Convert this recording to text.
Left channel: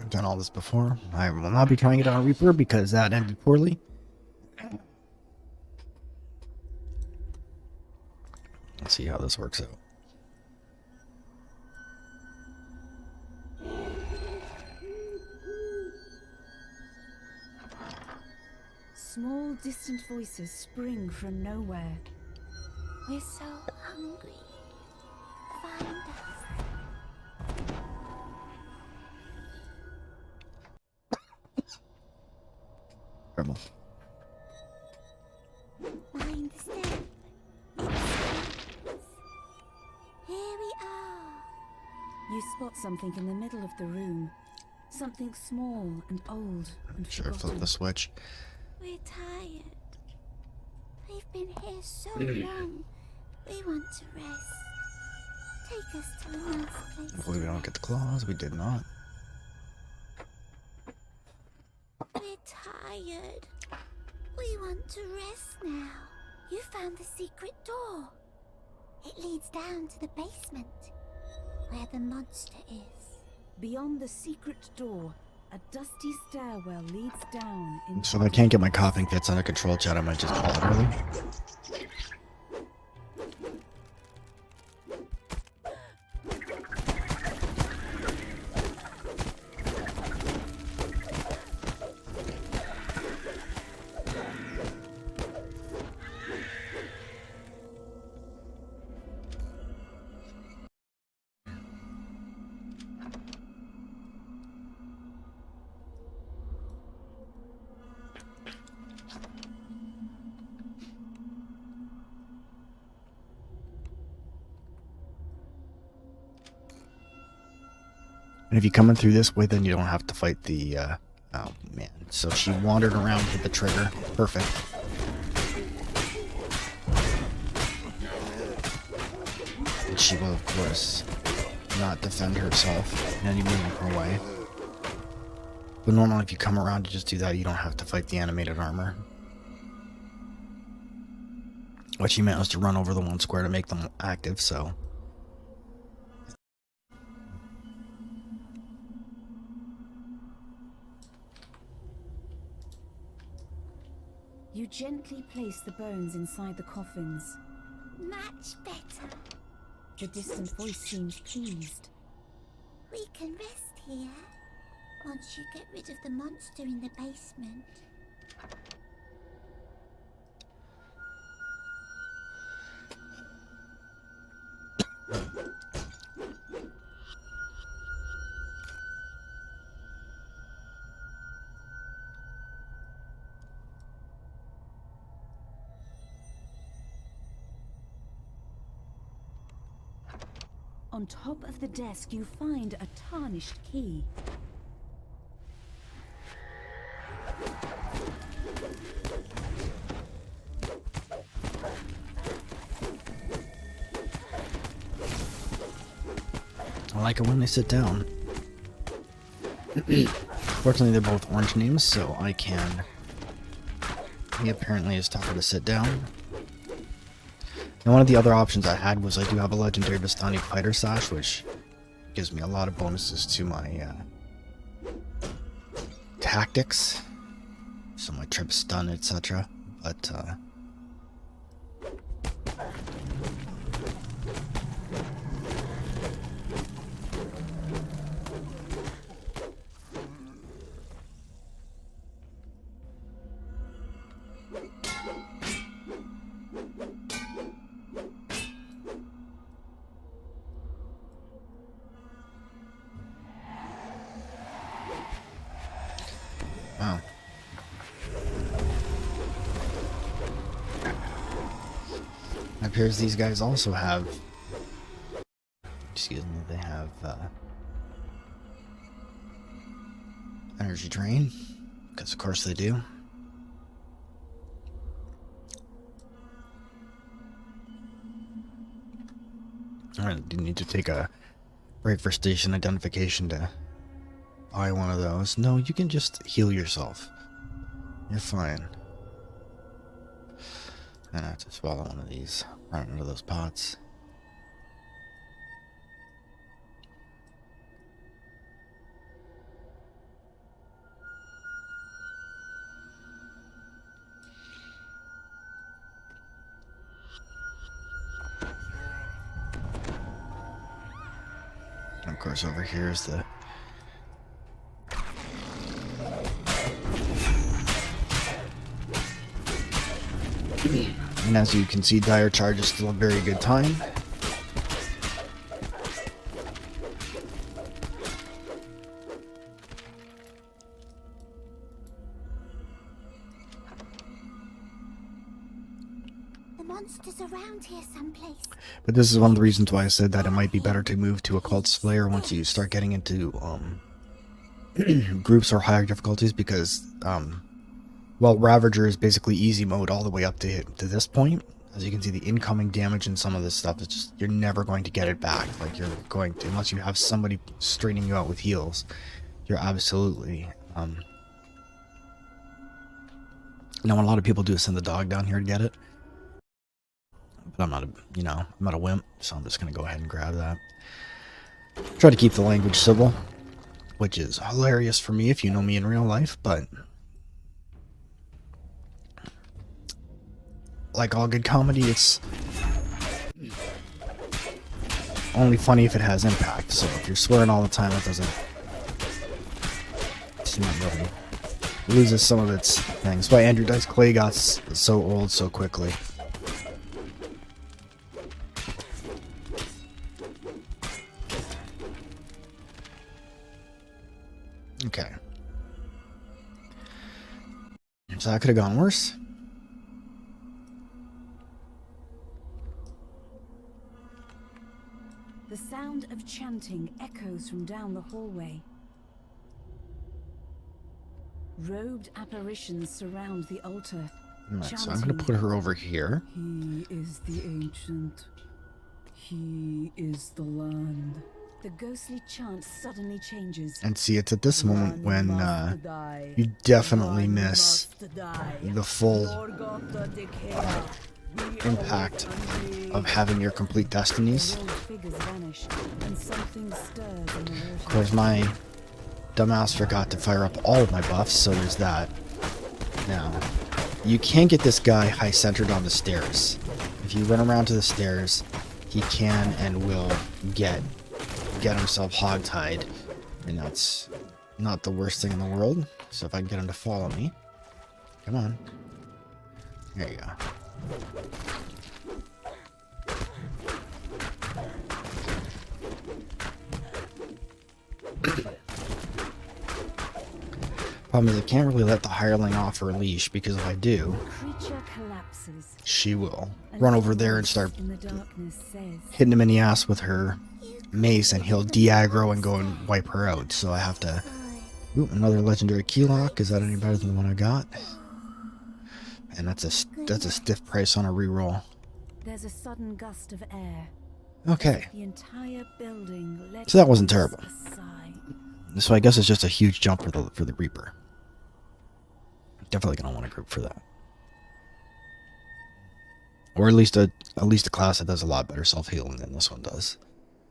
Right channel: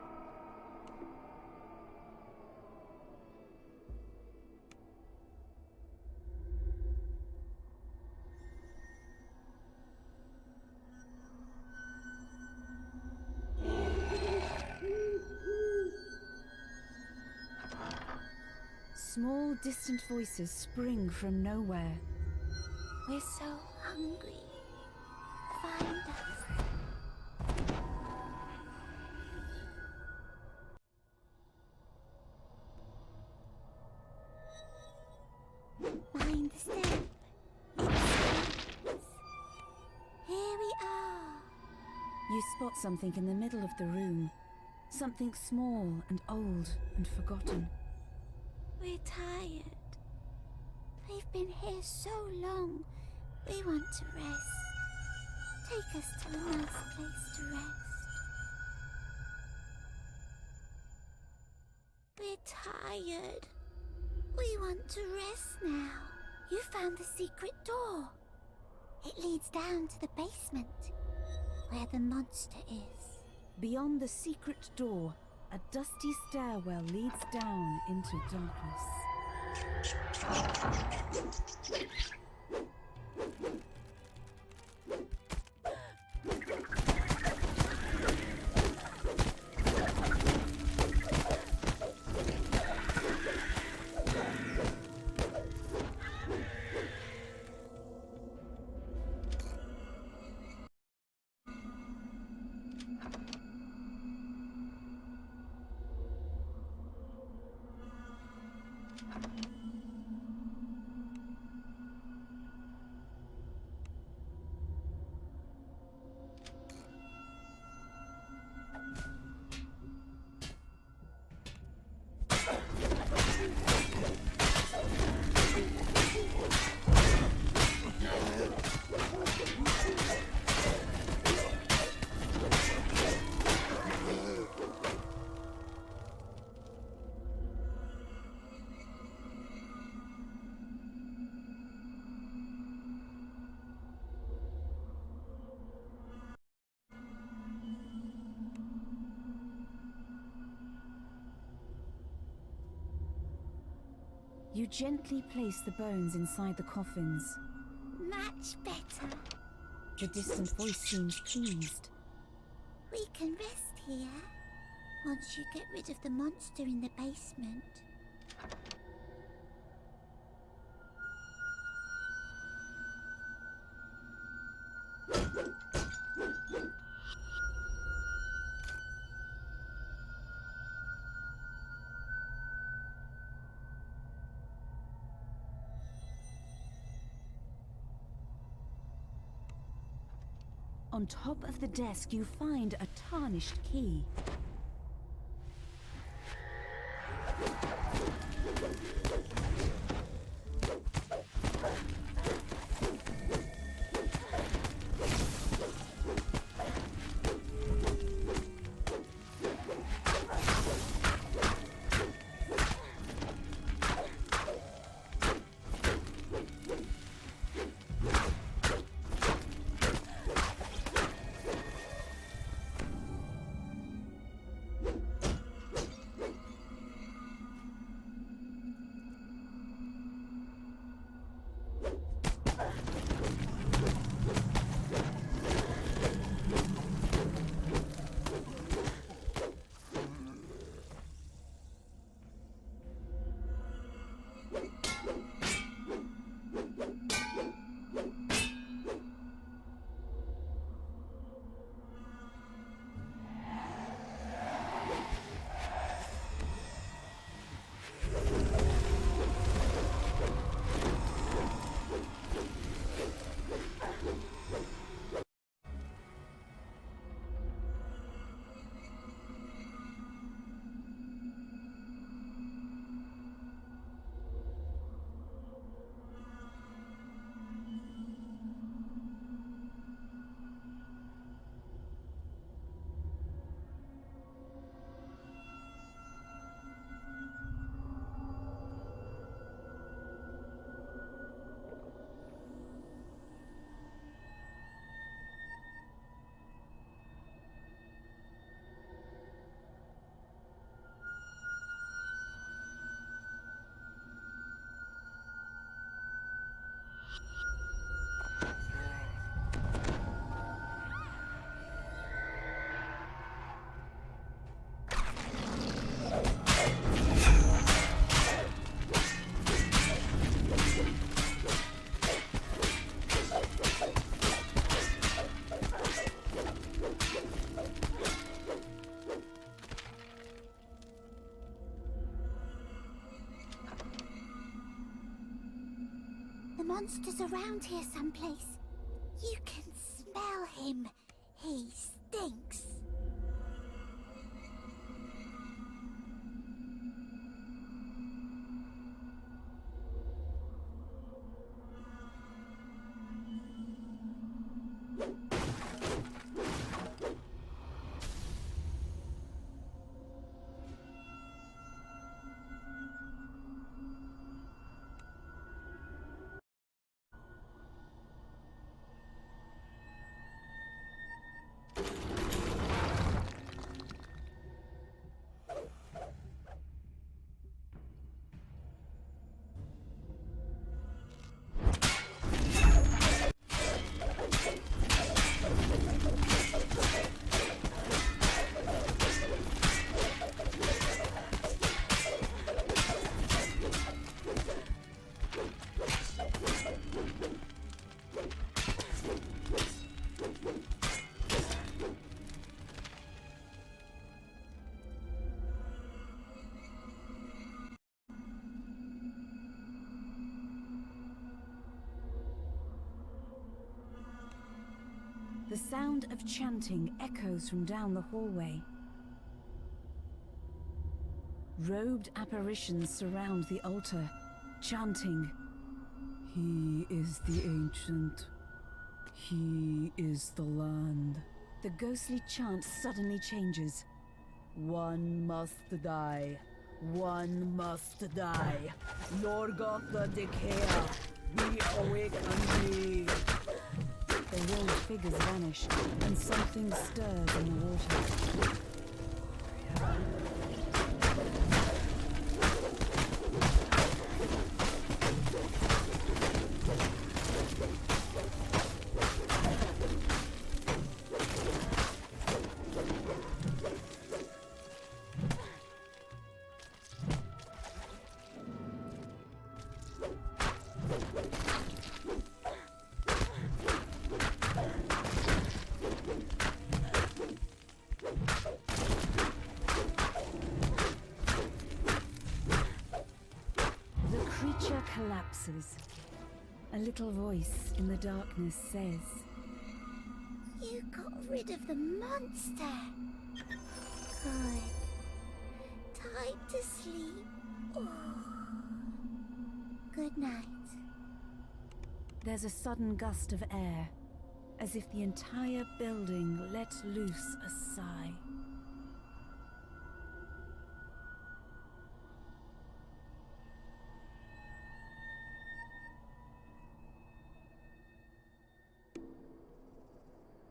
I've done all this before. I will not be trying it on Reaper because that ended poorly. Let's see how this works out. Small, distant voices spring from nowhere. We're so hungry. Find us. Terrible. Behind the step. Here we are. You spot something in the middle of the room. Something small and old and Should have flipped forgotten. the switch. We're tired. We've been here so long. We want to rest. Take us to a nice place. Hopefully we don't get the claws. We did not. We're tired. We want to rest now. You found the secret door. It leads down to the basement, where the monster is. Beyond the secret door, a dusty stairwell leads down into So if I can't get my coughing fits under control, chat, I might just call it early. And if you're coming through this way, then you don't have to fight the, oh man. So she wandered around with the trigger. Perfect. She will, of course, not defend herself in any meaningful way. But normally if you come around to just do that, you don't have to fight the animated armor. But she managed to run over the one square to make them active, so... You gently place the bones inside the coffins. Much better. The distant voice seems pleased. We can rest here. Once you get rid of the monster in the basement. On top of the desk, you find a tarnished key. I like it when they sit down. Fortunately, they're both orange names, so I can... He apparently is tougher to sit down. And one of the other options I had was I do have a legendary Vistani fighter sash, which gives me a lot of bonuses to my tactics, so my trip stun, etc. But wow. It appears these guys also have, excuse me, they have energy drain, because of course they do. Alright, do you need to take a break for station identification to buy one of those? No, you can just heal yourself. You're fine. Then I have to swallow one of these. Run into those pots. course, over here is the... And as you can see, Dire Charge is still a very good time. The monster's around here someplace. But this is one of the reasons why I said that it might be better to move to Occult Slayer once you start getting into groups or higher difficulties, because well, Ravager is basically easy mode all the way up to this point. As you can see, the incoming damage and some of this stuff is just, you're never going to get it back. Like, you're going to, unless you have somebody straining you out with heals, you're absolutely now what a lot of people do is send the dog down here to get it. But I'm not a, you know, I'm not a wimp, so I'm just gonna go ahead and grab that. Try to keep the language civil, which is hilarious for me if you know me in real life, but like all good comedy, it's only funny if it has impact. So if you're swearing all the time, it doesn't. It loses some of its things. But Andrew Dice Clay got so old so quickly. Okay. So that could have gone worse. The sound of chanting echoes from down the hallway. Robed apparitions surround the altar, Right, so I'm chanting. going to put her over here. He is the ancient. He is the land. The ghostly chant suddenly changes. And see, it's at this moment One when must die. you definitely One miss must die. the full Lorgotha Decaya, we impact await thee. of having your complete destinies. The rolled figures vanish, and something stirs in the Of water. course, my dumbass forgot to fire up all of my buffs, so there's that. Now, you can get this guy high-centered on the stairs. If you run around to the stairs, he can and will get himself hog-tied, and that's not the worst thing in the world. So if I can get him to follow me, come on. There you go. Problem is, I can't really let the hireling off her leash, because if I do, The creature collapses. she will A run little over there and voice start in the darkness says, hitting him in the ass with her mace, and he'll de-aggro and go and wipe her out. So I have to... Ooh, another legendary key lock. Is that any better than the one I got? And that's a stiff price on a reroll. There's a sudden gust of air. Okay. As if the entire building lets So that wasn't loose terrible. a sigh. So I guess it's just a huge jump for the Reaper. Definitely gonna want a group for that, or at least a class that does a lot better self healing than this one does.